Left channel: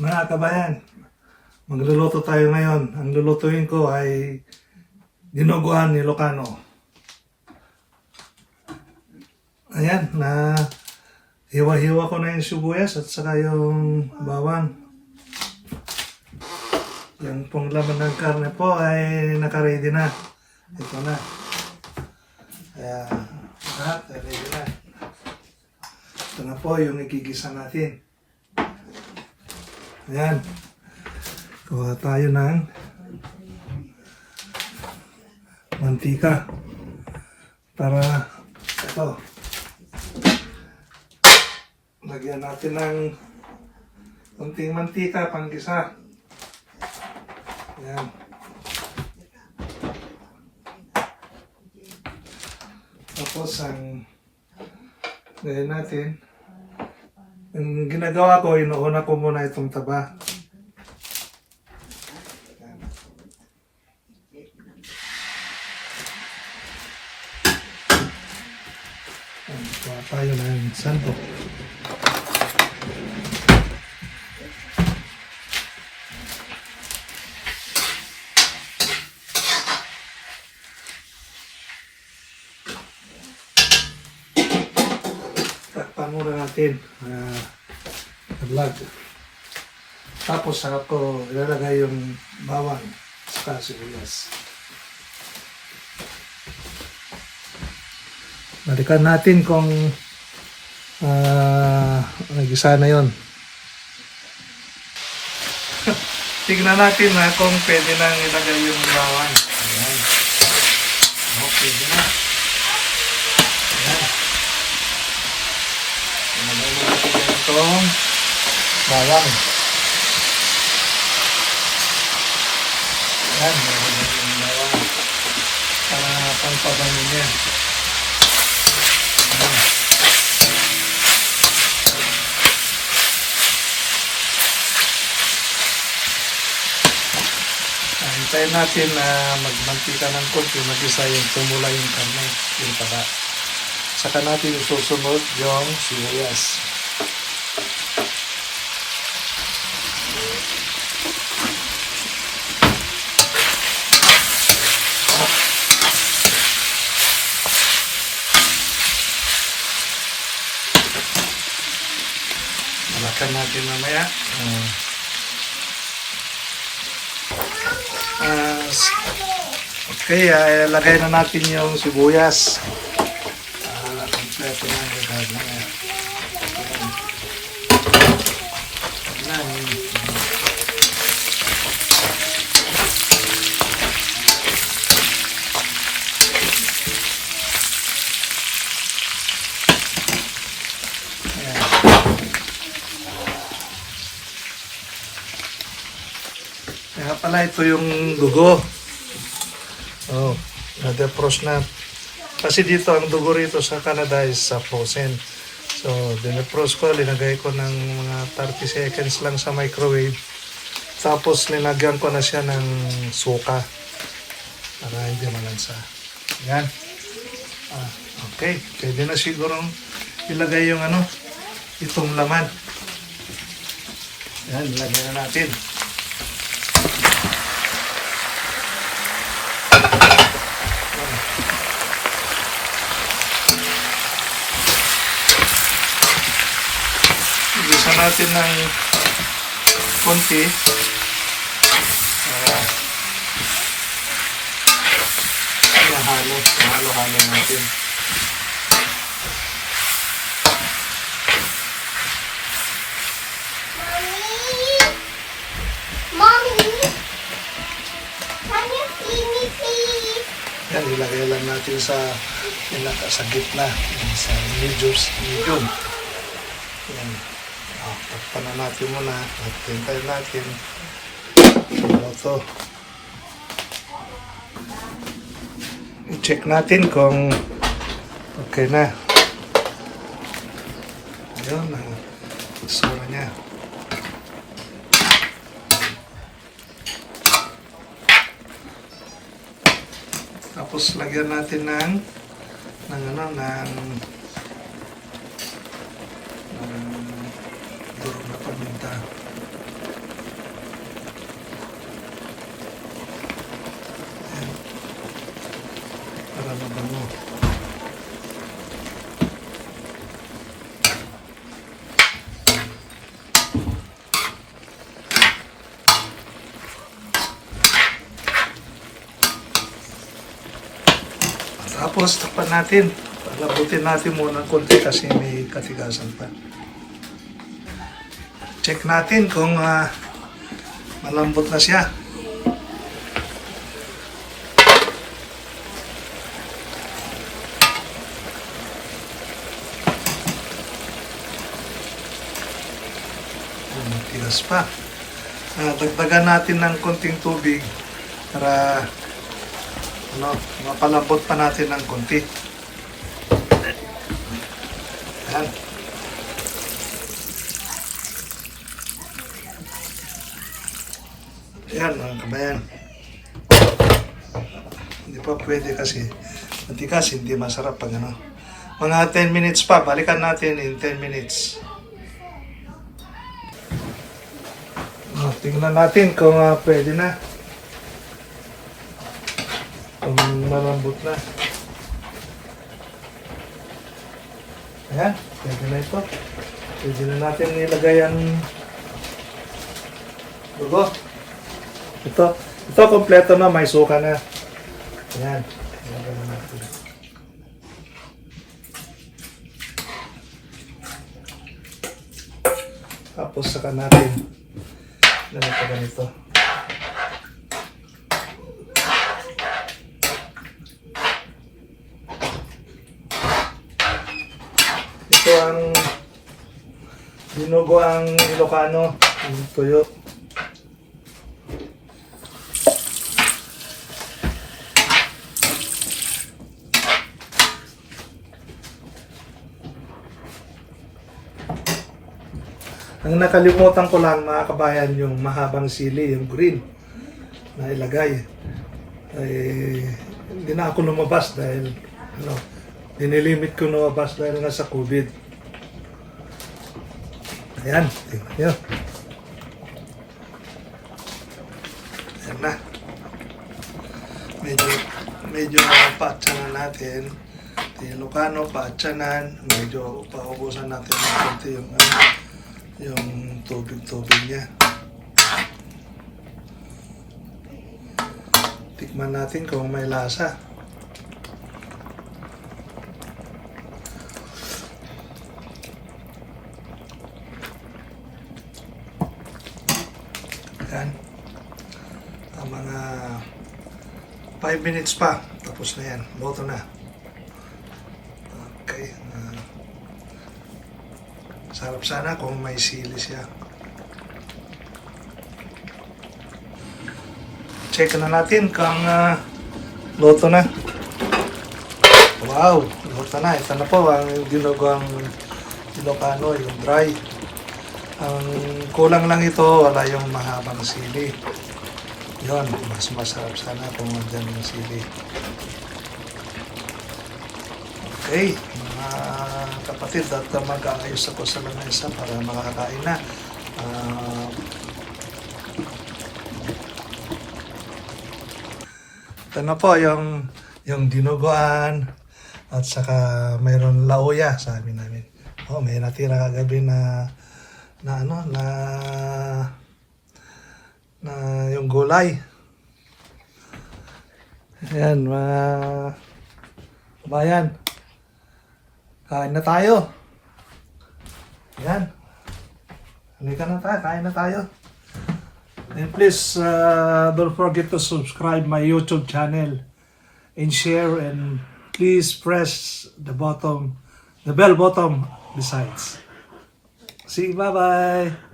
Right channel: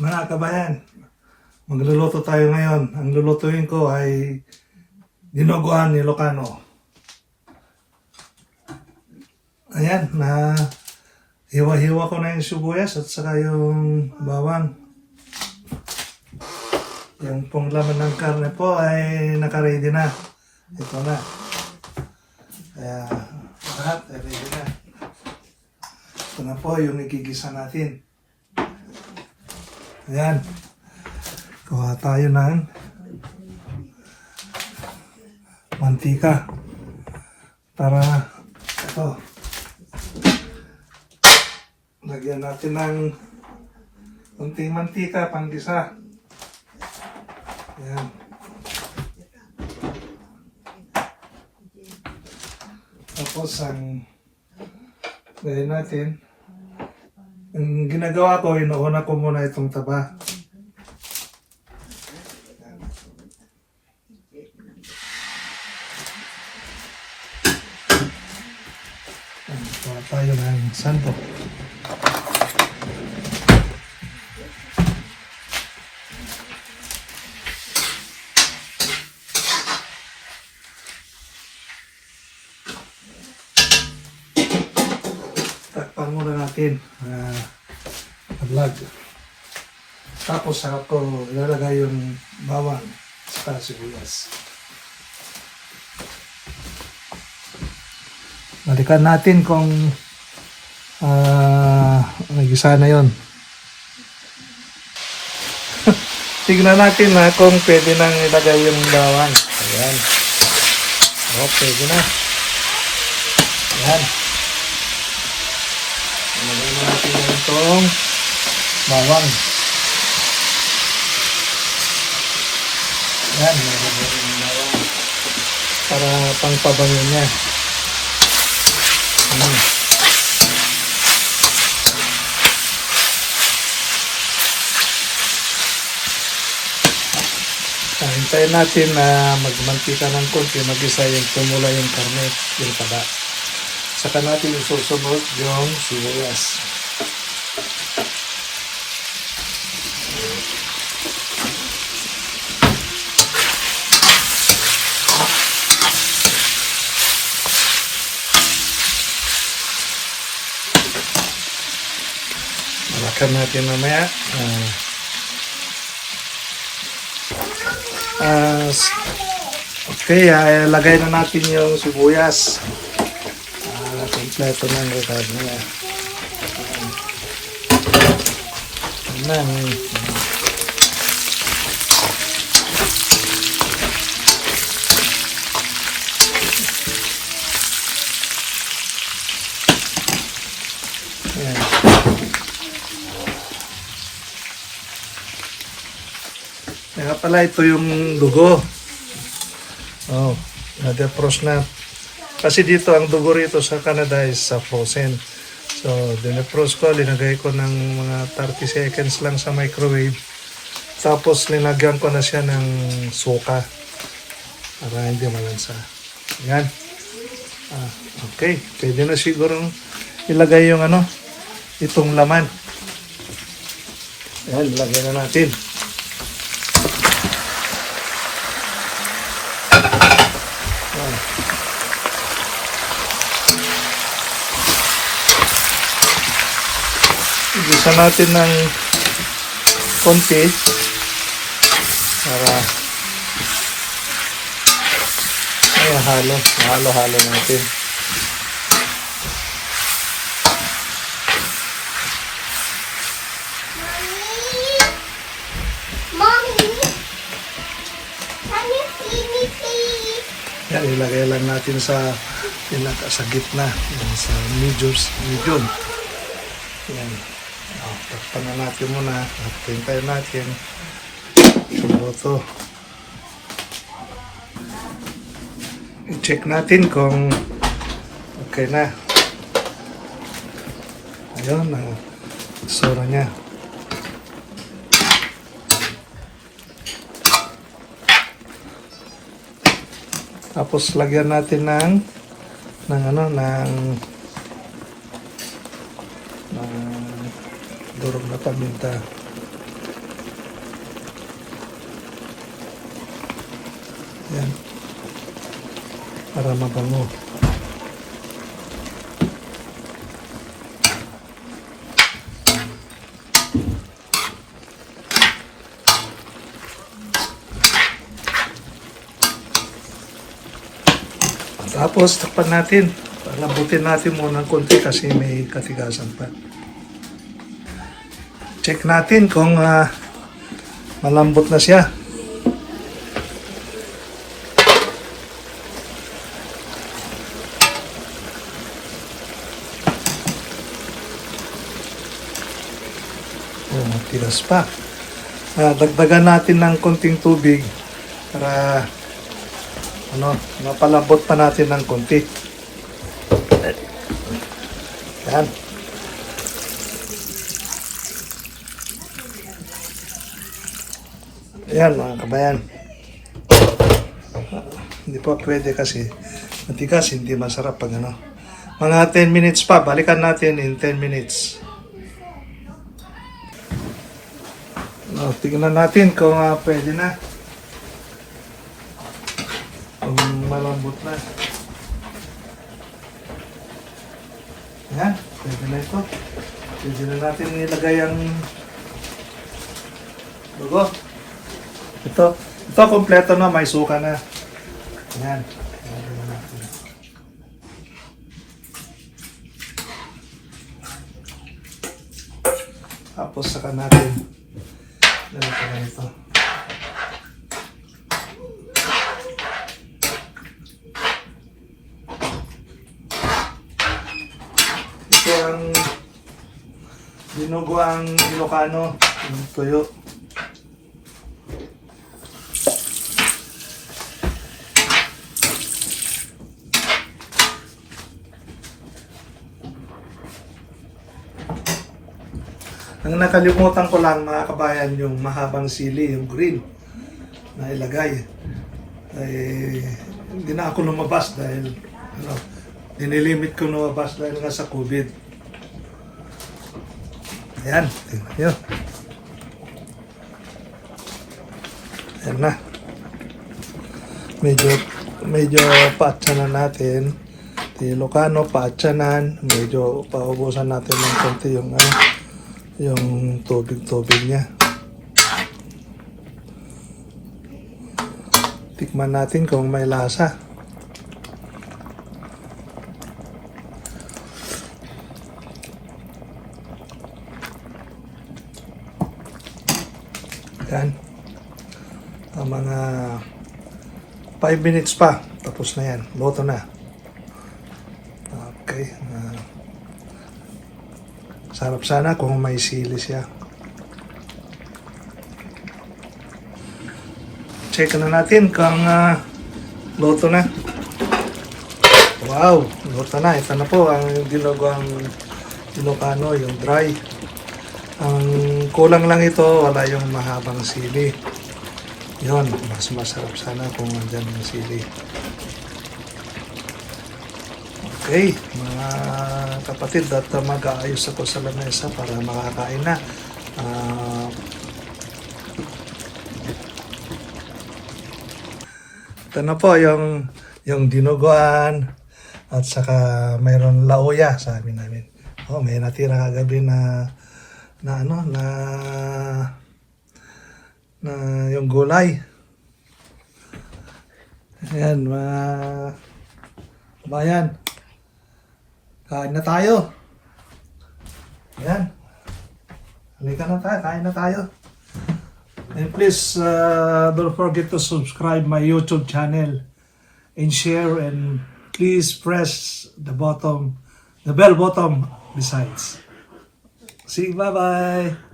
Mga kabayan, magluluto tayo ngayon. Ang lulutuin ko ay dinuguan ni Ilocano. Ayan, na hiwa-hiwa ko na yung sibuyas at saka yung bawang. Yung pong laman ng karne po ay nakaready na. Ito na. Kaya lahat ay ready na. Ito na po yung igigisa natin. Ayan. Kuha tayo ng mantika para ito. Lagyan natin ng konting mantika panggisa. Ayan. Tapos ang gawin natin, ang ginagawa ko, inuuna ko muna itong taba. Kuha tayo ng sandok. Takpan muna natin vlog. Tapos saka ko ilalagay yung bawang sa sibuyas. Balikan natin kung nagisa na yun. Tignan natin na kung pwede nang ilagay yung bawang. Ayan. Pwede na. Ayan. Ilagay na natin itong bawang. Ayan. Ilagay yung bawang para pangpabango niya. Ayan. Hintayin natin na magmantika ng konti, mag-isa yung tumula yung karne, yung taba. Saka natin susunod yung sibuyas. Malakan natin mamaya. Okay, lagay na natin yung sibuyas. Kompleto na yung recado niya. Ayan. Kaya pala ito yung dugo. Oh, na-defrost na. Kasi dito ang dugo rito sa Canada is frozen. So, dinefrost ko, linagay ko ng mga 30 seconds lang sa microwave. Tapos linagyan ko na siya ng suka para hindi malansa. Yan. Okay, pwede na siguro ilagay yung itong laman. Yan, lagyan na natin. Igisa natin ng konti para halo-halo natin. Yan, ilagay lang natin sa gitna, sa medium. Yan. Takpan na natin muna at hintayin natin ito. I-check natin kung okay na. Ayun, ang sura niya. Tapos lagyan natin ng durog na paminta. Ayan. Para mabango. Tapos, takpan natin. Lambutin natin muna ng konti kasi may katigasan pa. Check natin kung malambot na siya. Oh, matigas pa. Dagdagan natin ng konting tubig para mapalambot pa natin ng konti. Yan. Ayan mga kabayan. Hindi pa pwede kasi matigas, hindi masarap pag ano. Mga 10 minutes pa, balikan natin in 10 minutes. Tingnan natin kung pwede na. Kung malambot na. Ayan, pwede na ito. Pwede na natin ilagay ang dugo. Ito kompleto na, may suka na. Ayan. Ilagay na natin. Tapos saka natin ganito. Ito ang dinugo ang Ilocano, yung tuyo. Ang nakalimutan ko lang mga kabayan, yung mahabang sili, yung green na ilagay. Hindi na ako lumabas dahil ninilimit ko lumabas dahil nga sa COVID. Ayan, tingnan nyo. Ayan na. Medyo paatsanan natin. Ilocano, paatsanan. Medyo paubusan natin ng konti yung tubig niya. Tikman natin kung may lasa. Yan. Mga 5 minutes pa. Tapos na yan. Luto na. Okay. Sarap sana kung may sili siya. Check na natin kung luto na. Wow, luto na. Ito na po ang dinugang Ilocano, yung dry. Ang kulang lang ito, wala yung mahabang sili. Yun, mas masarap sana kung andyan yung sili. Okay, mga kapatid, at mag-aayos ako sa lamesa para makakain na. Ito na po yung dinuguan at saka mayroon lauya sa amin namin. Oh, may natira kagabi na yung gulay. Ayan, bayan. Kain na tayo. Ayan. Halika na tayo, kain na tayo. And please, don't forget to subscribe my YouTube channel and share, and please press the bell button besides. See you, bye-bye.